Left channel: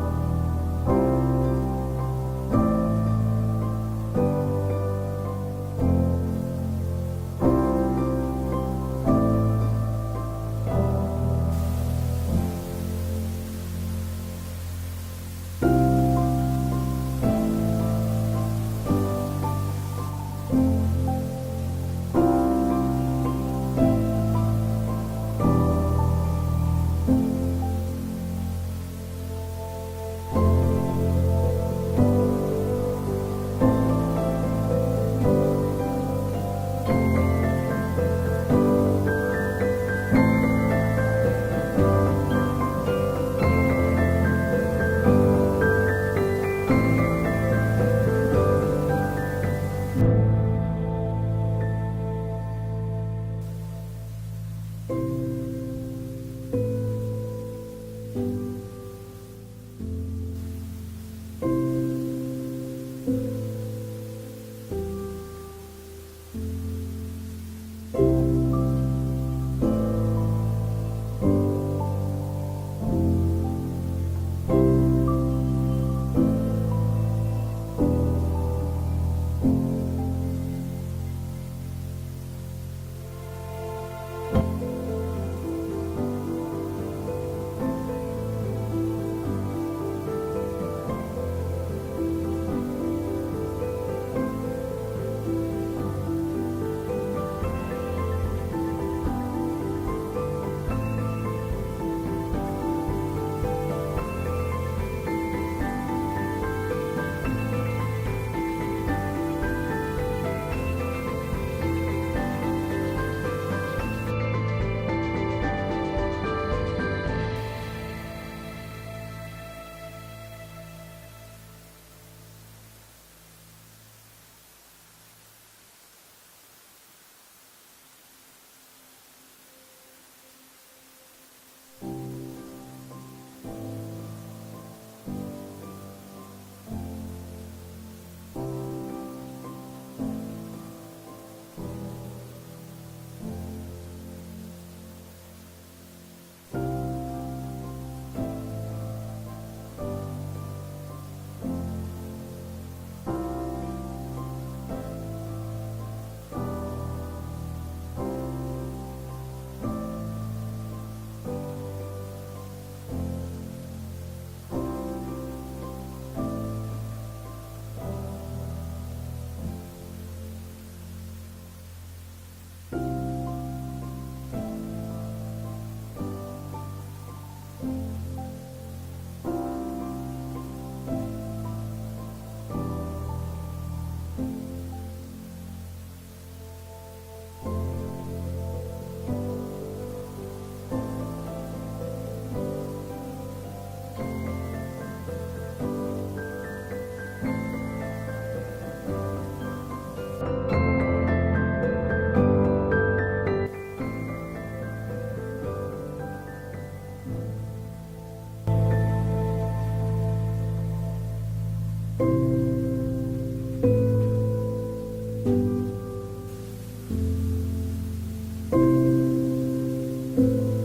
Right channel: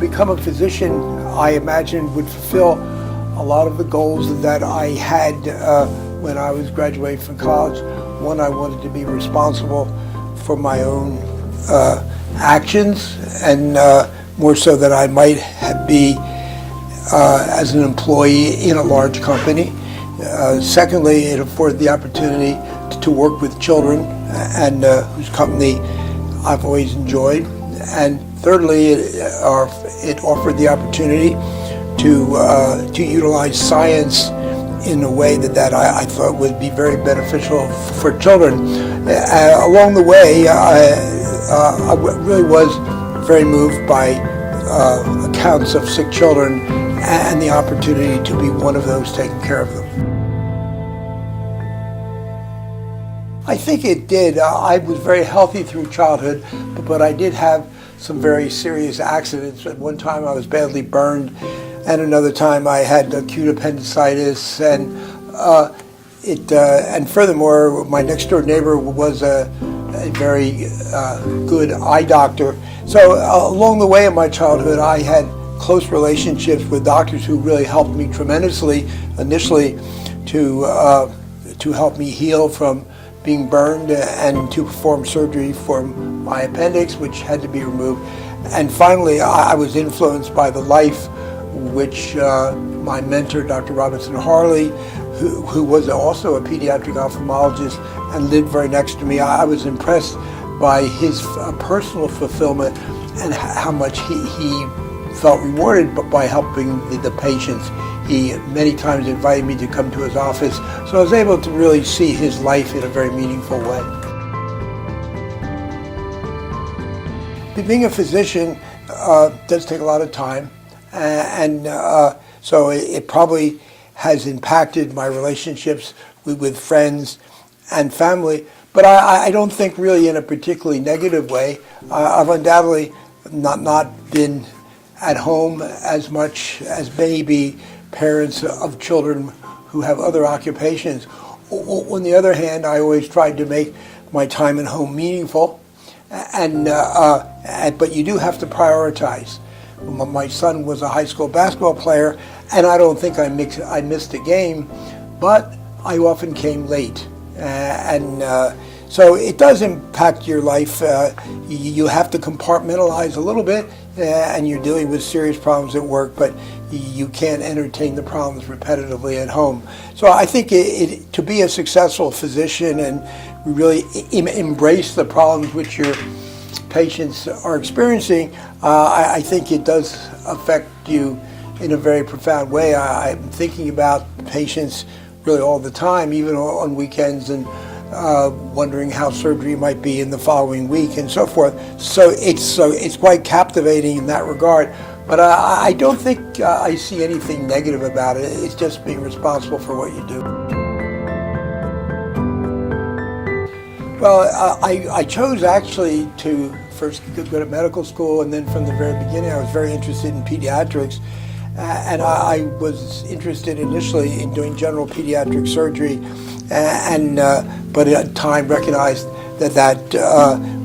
become a physician, I imagine, would fulfill a lot of the goals that I had when I was graduating from college. One, I wanted to be responsible for my own actions, and more so that I might be as an employee in a large company. Secondly, it afforded the opportunity to work with children, and whose company I've always enjoyed. And thirdly, it offered the opportunity to utilize science in a way that I thought would be very beneficial for children. Along the way, I really was very moved by accounts of sick children and the opportunity to be one of those taking care of them. I think it did. I was very healthy through childhood, but I did have some very serious accidents. At one time I was badly burned, and another time I had acute appendicitis, and furthermore, my next door neighbor was a very good eye doctor. So along the way in my childhood, I had close relationships with doctors who really helped me tremendously initially to help me heal from being burned and to perform surgery for my appendix, which had to be removed. And finally, I was influenced by the life which my mentor, Dr. Robinson Harley, who was also a pediatric ophthalmologist and lived very next to me. I was impressed by his personal fulfillment and how much he felt rewarded by helping the patients. He many times invited me to come to his office, so I was able to really see his life in a very meaningful way. Being a physician does take a lot of time, and so it probably has impacted my relationships with friends and family, but I don't think really in a particularly negative way. I've undoubtedly not been at home as much as maybe parents of children who have other occupations. On the other hand, I always tried to make my time at home meaningful, but you do have to prioritize. My son was a high school basketball player, and I don't think I missed a game, but I often came late. So it does impact your life. You have to compartmentalize a little bit, and you're dealing with serious problems at work, but you can't entertain the problems repetitively at home. So I think to be a successful physician and really embrace the problems which your patients are experiencing, I think it does affect you in a very profound way. I'm thinking about patients really all the time, even on weekends, and wondering how surgery might be in the following week and so forth. So it's quite captivating in that regard. But I don't think I see anything negative about it. It's just being responsible for what you do. Well, I chose actually to first go to medical school, and then from the very beginning I was very interested in pediatrics. And I was interested initially in doing general pediatric surgery, but at the time recognized that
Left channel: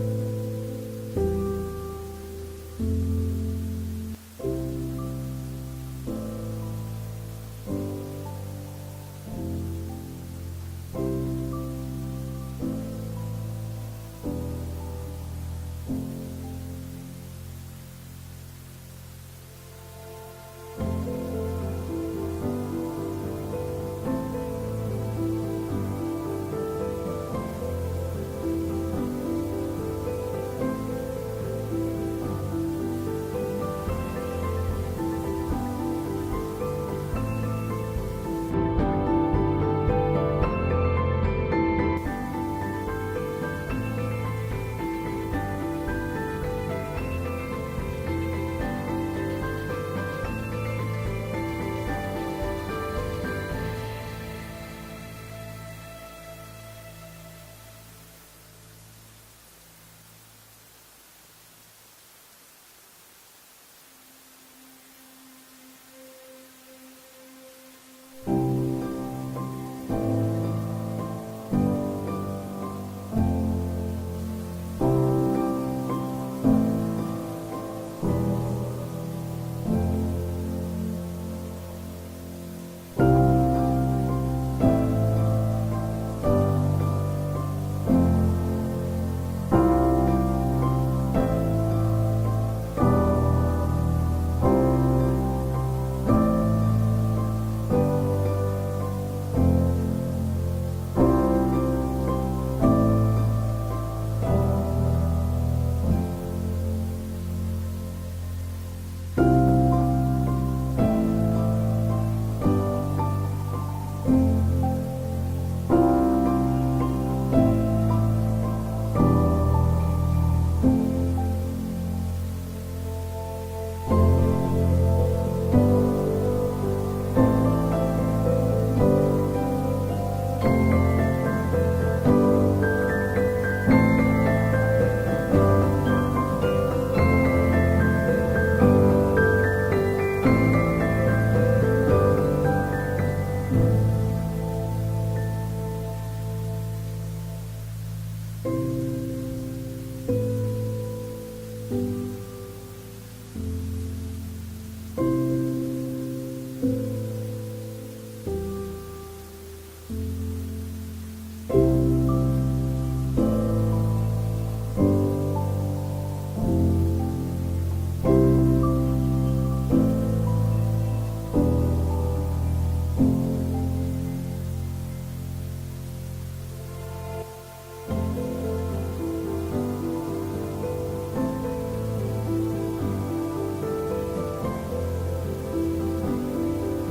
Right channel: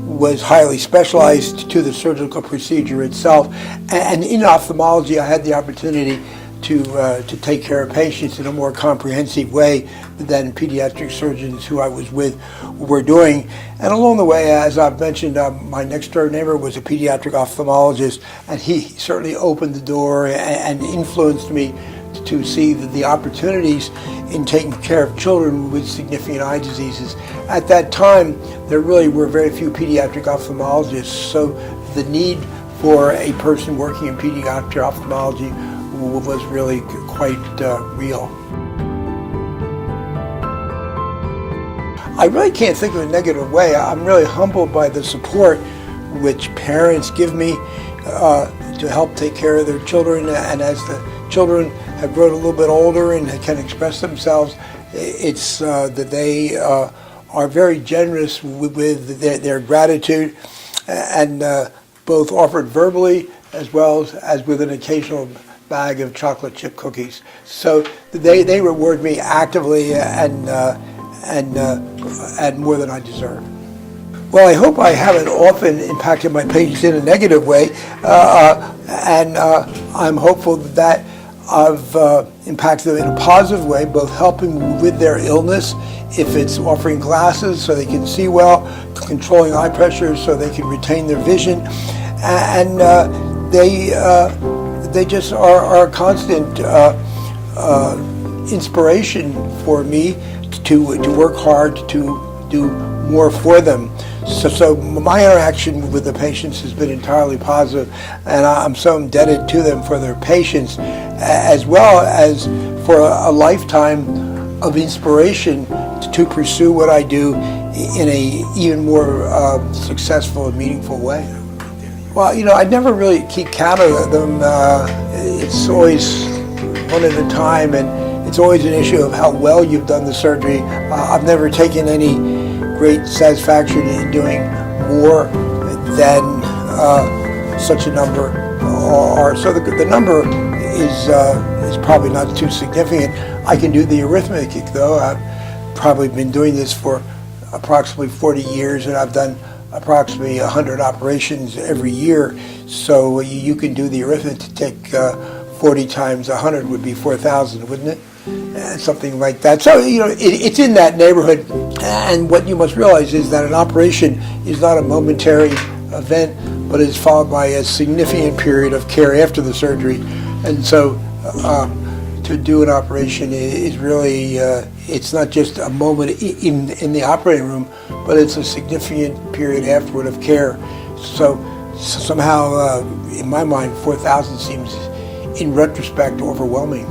was highly specialized to the surgical procedure itself. And in ophthalmology, I had the opportunity to take care of patients in a more comprehensive way than pediatric surgeons who I was with were doing. And along the way, as I've mentioned, my next door neighbor was a pediatric ophthalmologist, and he certainly opened the door and influenced me to see the opportunities in taking care of children with significant eye diseases. At that time, there really were very few pediatric ophthalmologists, so the need for a person working in pediatric ophthalmology was really quite real. I really can't think of a negative way. I'm really humbled by the support which parents give me to help take care of their children, and as the children have grown a little bit older and can express themselves, it's that they are very generous with their gratitude, and both offered verbally as well as with an occasional bag of chocolate chip cookies. So they reward me actively and more than I deserve. Well, I hope I haven't often impacted my patients in a negative way. and I'm hopeful that I've impacted them in a positive way, both helping with their illness, if it's offering glasses so they can see well, controlling eye pressure so they can retain their vision, and they just are a constant inspiration for me to work hard to do more for them. So my interaction with the patients has been entirely positive, and I'm so indebted to them for their patience, as well as for a lifetime of inspiration to pursue what I do in a even more successful and meaningful way. Well, I never really keep count of them. It's always one at a time, and it's always an issue of how well you've done the surgery. I've never taken any great satisfaction in doing more than such a number are. So the number is probably not too significant. I can do the arithmetic, though. I've probably been doing this for approximately 40 years, and I've done approximately 100 operations every year. So you can do the arithmetic. 40 times 100 would be 4,000, wouldn't it? Something like that. So, it's in that neighborhood. And what you must realize is that an operation is not a momentary event, but is followed by a significant period of care after the surgery. And so to do an operation is really, it's not just a moment in the operating room, but it's a significant period afterward of care. So somehow, in my mind, 4,000 seems, in retrospect, overwhelming.